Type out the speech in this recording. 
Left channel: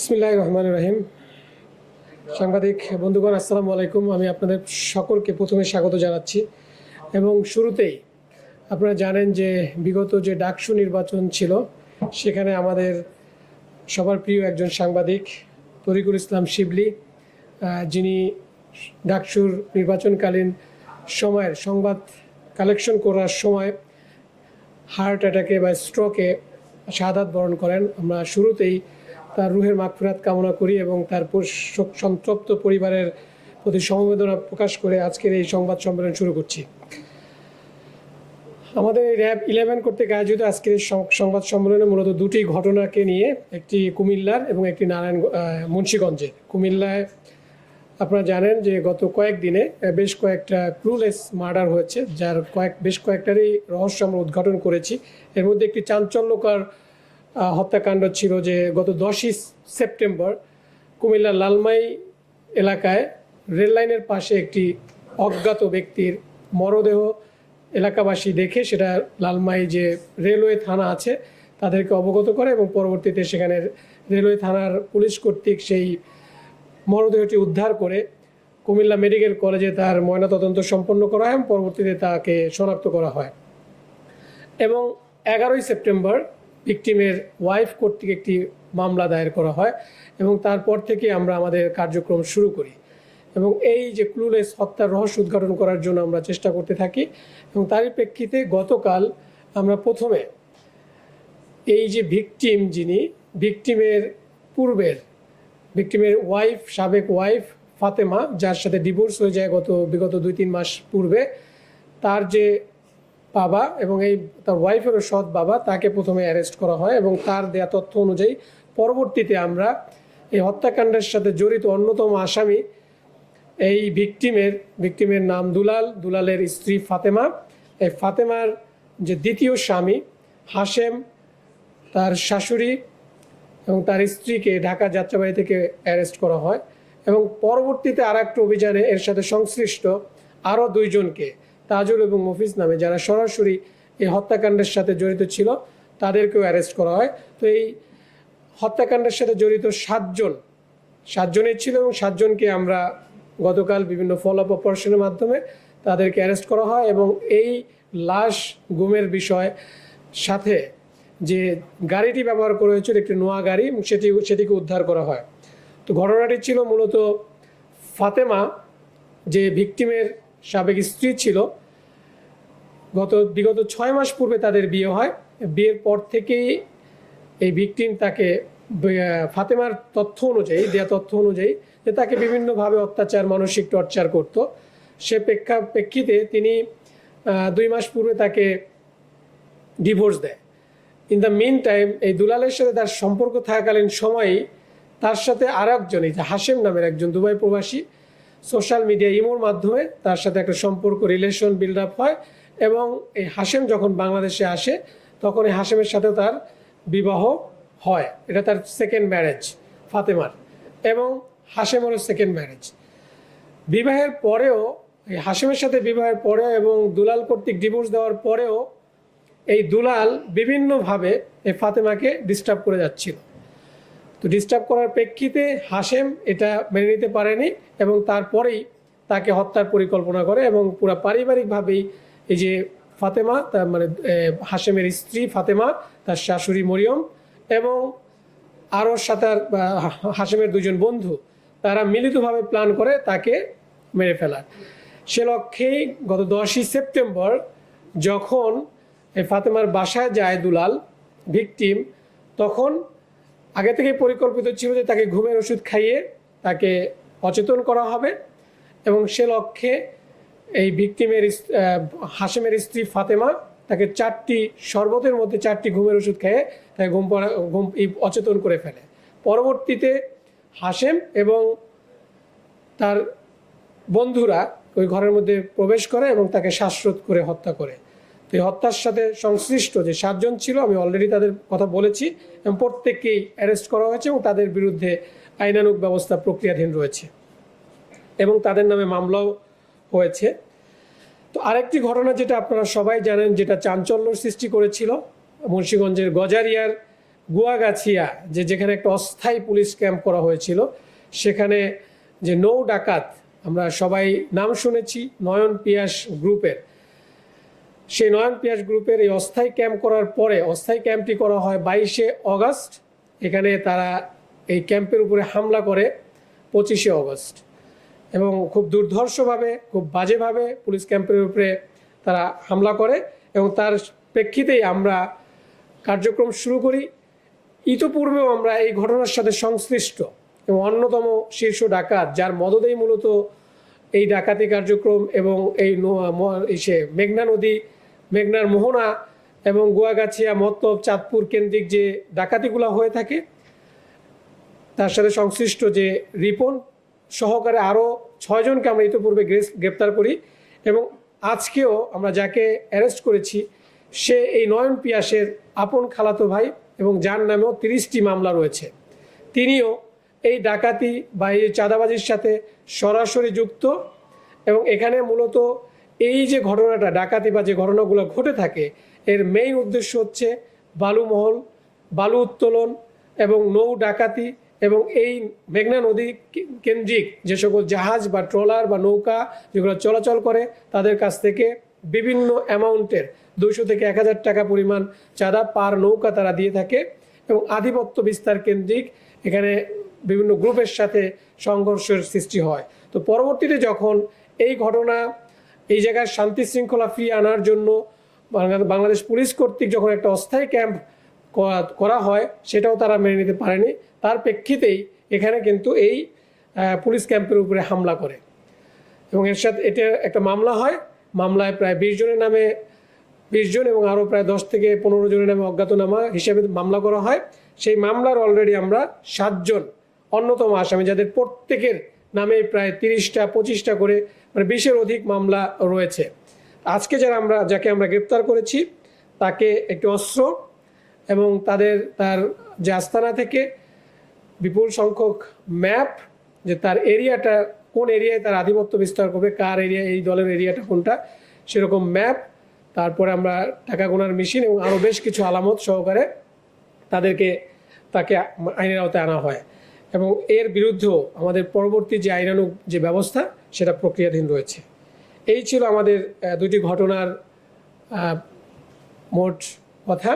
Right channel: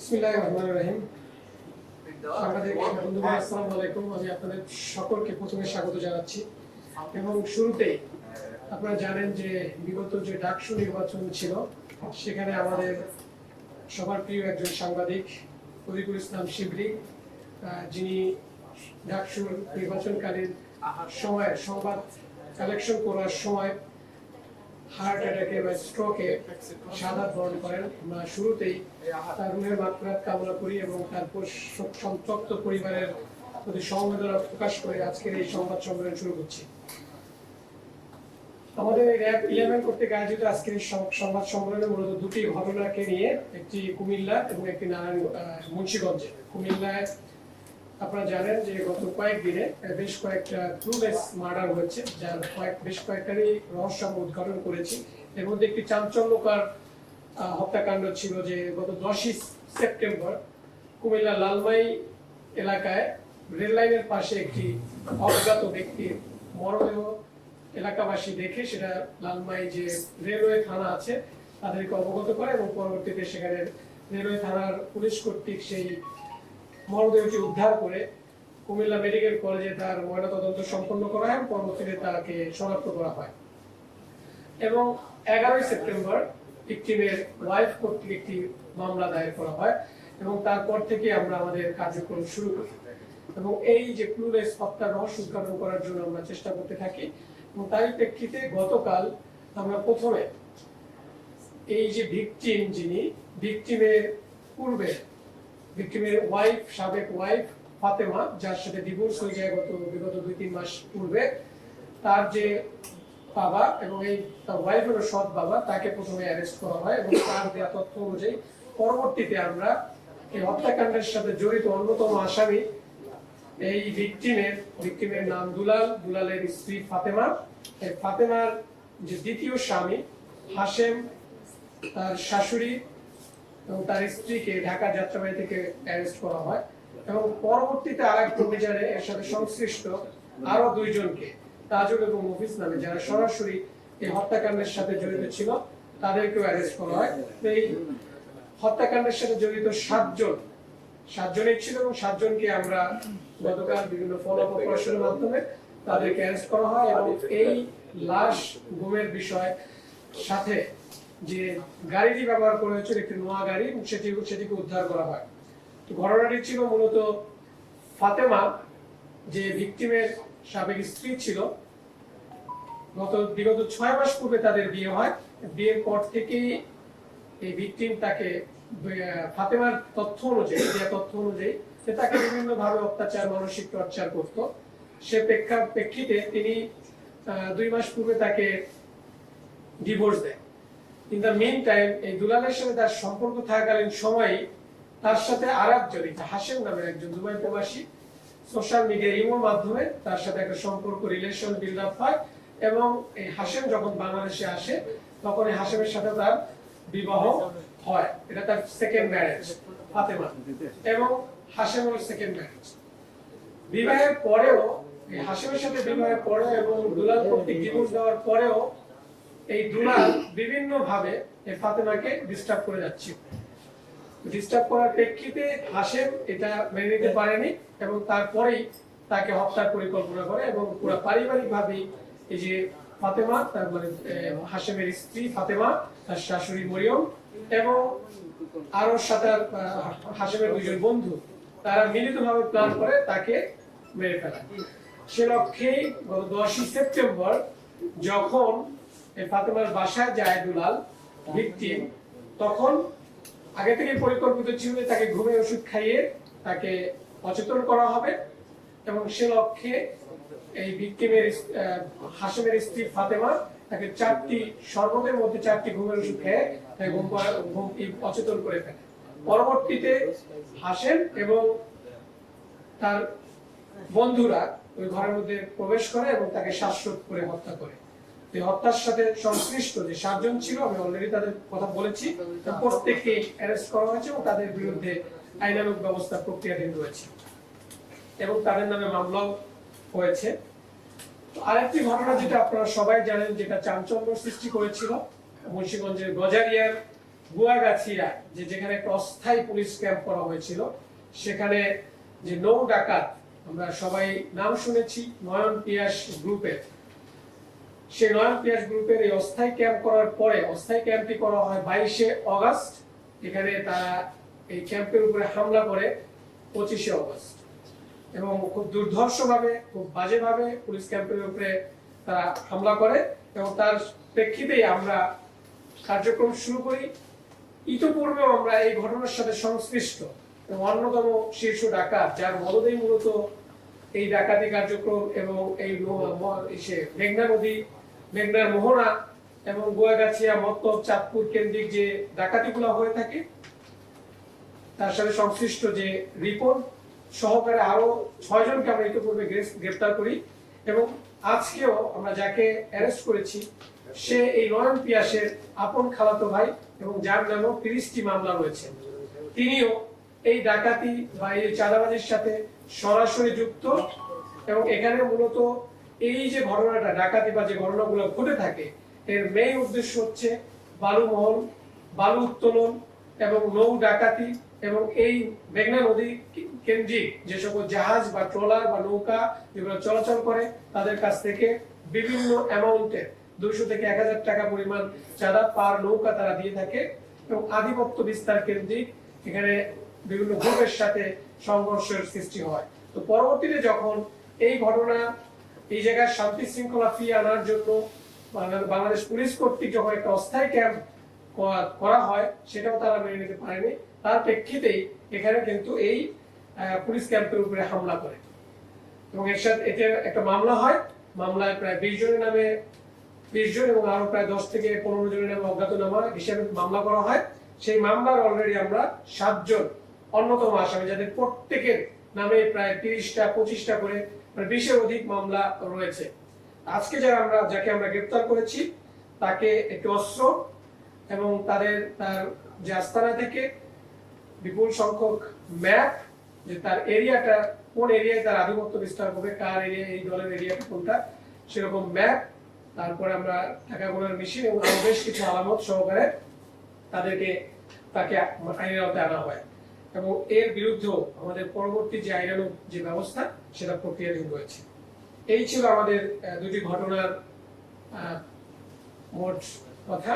বিসমিল্লাহির রহমানির রহিম। সাংবাদিক বন্ধুগণ, আসসালামু আলাইকুম। আমি আপনাদের সকলকে প্রথমে স্বাগত জানাচ্ছি এবং শুরুতেই আপনারা জানেন যে বিগত যে ডাকসু নির্বাচন ছিল সেখানে আমাদের সবার প্রিয় একজন সাংবাদিক তরিকুল ইসলাম শিবলি, যিনি ডাকসুর নির্বাচনকালীন সময়ের সংবাদ কালেকশন করার সময় হার্ট অ্যাটাকে বা স্ট্রোকে শাহাদাত বরণ করেন। আমরা শুরুতেই তার রুহের মাগফিরাত কামনা করি এবং তার সন্তপ্ত পরিবারের প্রতি সমবেদনা প্রকাশ করে আজকের এই সংবাদ সম্মেলন শুরু করছি। আমাদের RAB11 কর্তৃক আয়োজিত আজকের এই সংবাদ সম্মেলনে মূলত দুটি ঘটনাকে নিয়ে, একটি কুমিল্লার এবং একটি মুন্সিগঞ্জের। কুমিল্লায় আপনারা জানেন যে গত কয়েকদিনে বেশ কয়েকটা ক্লুলেস মার্ডার হয়েছে, যার বেশ কয়েকটারই রহস্য আমরা উদ্ঘাটন করেছি। এর মধ্যে একটি চাঞ্চল্যকর হত্যাকাণ্ড ছিল যে গত 10ই সেপ্টেম্বর কুমিল্লার লালমাই এলাকায় রেললাইনের পাশে একটি অজ্ঞাত ব্যক্তির মরদেহ এলাকাবাসী দেখে সেটা লালমাই যে রেলওয়ে থানা আছে তাদেরকে অবগত করে এবং পরবর্তীতে সেখানে রেলওয়ে থানার পুলিশ কর্তৃক সেই মরদেহটি উদ্ধার করে কুমিল্লা মেডিকেল কলেজে তার ময়নাতদন্ত সম্পন্ন করা হয় এবং পরবর্তীতে তাকে শনাক্ত করা হয়। এবং 11ই সেপ্টেম্বর ভিকটিমের ওয়াইফ কর্তৃক একটি মামলা দায়ের করা হয় এবং তারপর থেকে আমরা আমাদের কার্যক্রম শুরু করি এবং এই যে ক্লুলেস হত্যার রহস্য উদ্ঘাটন করার জন্য আমরা চেষ্টা করতে থাকি। এবং তারই প্রেক্ষিতে গতকাল আমরা প্রথমে এই যে ভিকটিম, যিনি ভিকটিমের পূর্বের ভিকটিমের ওয়াইফ, সাবেক ওয়াইফ ফাতেমা, যার সাথে ডিভোর্স হয়ে যায় বিগত 2-3 মাস পূর্বে, তার যে বাবা এবং এই তার ওয়াইফেরও সৎ বাবা, তাকে প্রথমে অ্যারেস্ট করা হয় এবং তার দেয়া তথ্য অনুযায়ী পরবর্তীতে আমরা এই হত্যাকাণ্ডের সাথে জড়িত অন্যতম আসামি এই ভিকটিমের নাম দুলালের স্ত্রী ফাতেমা, এই ফাতেমার যে দ্বিতীয় স্বামী হাশেম, তার শাশুড়ি এবং তার স্ত্রীকে ঢাকা যাত্রাবাড়ি থেকে অ্যারেস্ট করা হয় এবং পরবর্তীতে আর একটা অভিযানে এর সাথে সংশ্লিষ্ট আরও 2 জনকে, তাজুল এবং মফিজ নামে, যারা সরাসরি এই হত্যাকাণ্ডের সাথে জড়িত ছিল, তাদেরকেও অ্যারেস্ট করা হয়। তো এই হত্যাকাণ্ডের সাথে জড়িত 7 জনের ছিল এবং 7 জনকে আমরা গতকাল বিভিন্ন ফলো আপ অপারেশনের মাধ্যমে তাদেরকে অ্যারেস্ট করা হয় এবং এই লাশ গুমের বিষয় সাথে যে গাড়িটি ব্যবহার করা হয়েছিল একটি নোয়া গাড়ি, সেটিকে উদ্ধার করা হয়। তো ঘটনাটি ছিল মূলত ফাতেমা, যে ভিকটিমের সাবেক স্ত্রী ছিল, বিগত 6 মাস পূর্বে তাদের বিয়ে হয়। বিয়ের পর থেকেই এই ভিকটিম তাকে ফাতেমার দেয়া তথ্য অনুযায়ী যে তাকে বিভিন্নভাবে অত্যাচার, মানসিক টর্চার করত। সে প্রেক্ষিতে তিনি 2 মাস পূর্বে তাকে ডিভোর্স দেয়। ইন দ্য মিন টাইম এই দুলালের সাথে তার সম্পর্ক থাকাকালীন সময়ই তার সাথে আর একজন, এই যে হাশেম নামের একজন দুবাই প্রবাসী, সোশ্যাল মিডিয়া ইমোর মাধ্যমে তার সাথে একটা রিলেশন বিল্ড আপ হয় এবং এই হাশেম যখন বাংলাদেশে আসে তখন এই হাশেমের সাথে তার বিবাহ হয়। এটা তার সেকেন্ড ম্যারেজ ফাতেমার, এবং হাশেমেরও সেকেন্ড ম্যারেজ। বিবাহের পরেও, এই হাশেমের সাথে বিবাহের পরেও এবং দুলাল কর্তৃক ডিভোর্স দেওয়ার পরেও এই দুলাল বিভিন্নভাবে এই ফাতেমাকে ডিস্টার্ব করে যাচ্ছিল। তো ডিস্টার্ব করার প্রেক্ষিতে হাশেম এটা মেনে নিতে পারেনি এবং তারপরেই তাকে হত্যার পরিকল্পনা করে এবং পুরো পারিবারিকভাবেই এই যে ফাতেমা, তার মানে হাশেমের স্ত্রী ফাতেমা, তার শাশুড়ি মরিয়ম এবং আরও হাশেমের 2 জন বন্ধু, তারা মিলিতভাবে প্ল্যান করে তাকে মেরে ফেলার। সে লক্ষ্যেই গত 10ই সেপ্টেম্বর যখন এই ফাতেমার বাসায় যায় দুলাল ভিকটিম, তখন আগে থেকে পরিকল্পিত ছিল যে তাকে ঘুমের ওষুধ খাইয়ে তাকে অচেতন করা হবে এবং সে লক্ষ্যে এই ভিকটিমের হাশেমের স্ত্রী ফাতেমা তাকে 4টি শরবতের মধ্যে 4টি ঘুমের ওষুধ খেয়ে তাকে অচেতন করে ফেলে। পরবর্তীতে হাশেম এবং তার বন্ধুরা ওই ঘরের মধ্যে প্রবেশ করে এবং তাকে শ্বাসরোধ করে হত্যা করে। তো এই হত্যার সাথে সংশ্লিষ্ট যে 7 জন ছিল, আমি অলরেডি তাদের কথা বলেছি এবং প্রত্যেককেই অ্যারেস্ট করা হয়েছে এবং তাদের বিরুদ্ধে আইনানুগ ব্যবস্থা প্রক্রিয়াধীন রয়েছে এবং তাদের নামে মামলাও হয়েছে। তো আরেকটি ঘটনা যেটা আপনারা সবাই জানেন, যেটা চাঞ্চল্য সৃষ্টি করেছিল, মুন্সিগঞ্জের গজারিয়ার গুয়াগাছিয়া যেখানে একটা অস্থায়ী পুলিশ ক্যাম্প করা হয়েছিল, সেখানে যে নৌ ডাকাত, আমরা সবাই নাম শুনেছি নয়ন পিয়াস গ্রুপের, সেই নয়ন পিয়াস গ্রুপের এই অস্থায়ী ক্যাম্প করার পরে অস্থায়ী ক্যাম্পটি করা হয় 22শে অগাস্ট। এখানে তারা এই ক্যাম্পের উপরে হামলা করে 25শে অগস্ট, এবং খুব দুর্ধর্ষভাবে, খুব বাজেভাবে পুলিশ ক্যাম্পের উপরে তারা হামলা করে, এবং তার প্রেক্ষিতেই আমরা কার্যক্রম শুরু করি। ইতোপূর্বেও আমরা এই ঘটনার সাথে সংশ্লিষ্ট এবং অন্যতম শীর্ষ ডাকাত, যার মদদেই মূলত এই ডাকাতি কার্যক্রম এবং এই মেঘনা নদী, মেঘনার মোহনা এবং গুয়াগাছিয়া, মতলব, চাঁদপুর কেন্দ্রিক যে ডাকাতিগুলো হয়ে থাকে, তার সাথে সংশ্লিষ্ট যে রিপন সহকারে আরও 6 জনকে আমরা ইতিপূর্বে গ্রেপ্তার করি, এবং আজকেও আমরা যাকে অ্যারেস্ট করেছি সে এই নয়ন পিয়াসের আপন খালাতো ভাই, এবং যার নামেও 30টি মামলা রয়েছে। তিনিও এই ডাকাতি বা এই চাঁদাবাজির সাথে সরাসরি যুক্ত, এবং এখানে মূলত এই যে ঘটনাটা, ডাকাতি বা যে ঘটনাগুলো ঘটে থাকে, এর মেইন উদ্দেশ্য হচ্ছে বালুমহল, বালু উত্তোলন এবং নৌ ডাকাতি, এবং এই মেঘনা নদী কেন্দ্রিক যে সকল জাহাজ বা ট্রলার বা নৌকা যেগুলো চলাচল করে, তাদের কাছ থেকে বিভিন্ন অ্যামাউন্টের 200 থেকে 1000 টাকা পরিমাণ চাঁদা পার নৌকা তারা দিয়ে থাকে, এবং আধিপত্য বিস্তার কেন্দ্রিক এখানে বিভিন্ন গ্রুপের সাথে সংঘর্ষের সৃষ্টি হয়। তো পরবর্তীতে যখন এই ঘটনা এই জায়গায় শান্তি শৃঙ্খলা ফিরিয়ে আনার জন্য বাংলাদেশ পুলিশ কর্তৃক যখন একটা অস্থায়ী ক্যাম্প করা হয়, সেটাও তারা মেনে নিতে পারেনি। তার প্রেক্ষিতেই এখানে কিন্তু এই পুলিশ ক্যাম্পের উপরে হামলা করে, এবং এর সাথে এটা একটা মামলা হয়। মামলায় প্রায় 20 জনের নামে 20 জন এবং আরও প্রায় 10 থেকে 15 জনের নামে অজ্ঞাতনামা হিসেবে মামলা করা হয়। সেই মামলার অলরেডি আমরা 7 জন অন্যতম আসামি, যাদের প্রত্যেকের নামে প্রায় 30টা 25টা করে, মানে 20-এর অধিক মামলা রয়েছে। আজকে যাকে আমরা গ্রেপ্তার করেছি, তাকে একটি অস্ত্র এবং তার যে আস্তানা থেকে বিপুল সংখ্যক ম্যাপ, যে তার এরিয়াটা কোন এরিয়ায় তার আধিপত্য বিস্তার করবে, কার এরিয়া, এই দলের এরিয়াটা কোনটা, সেরকম ম্যাপ, তারপরে আমরা টাকা গোনার মেশিন এবং আরও বেশ কিছু আলামত সহকারে তাকে আইনের আওতায় আনা হয়, এবং এর বিরুদ্ধেও আমাদের পরবর্তী যে আইনানুগ যে ব্যবস্থা, সেটা প্রক্রিয়াধীন রয়েছে। এই ছিল আমাদের দুটি ঘটনার মোট কথা।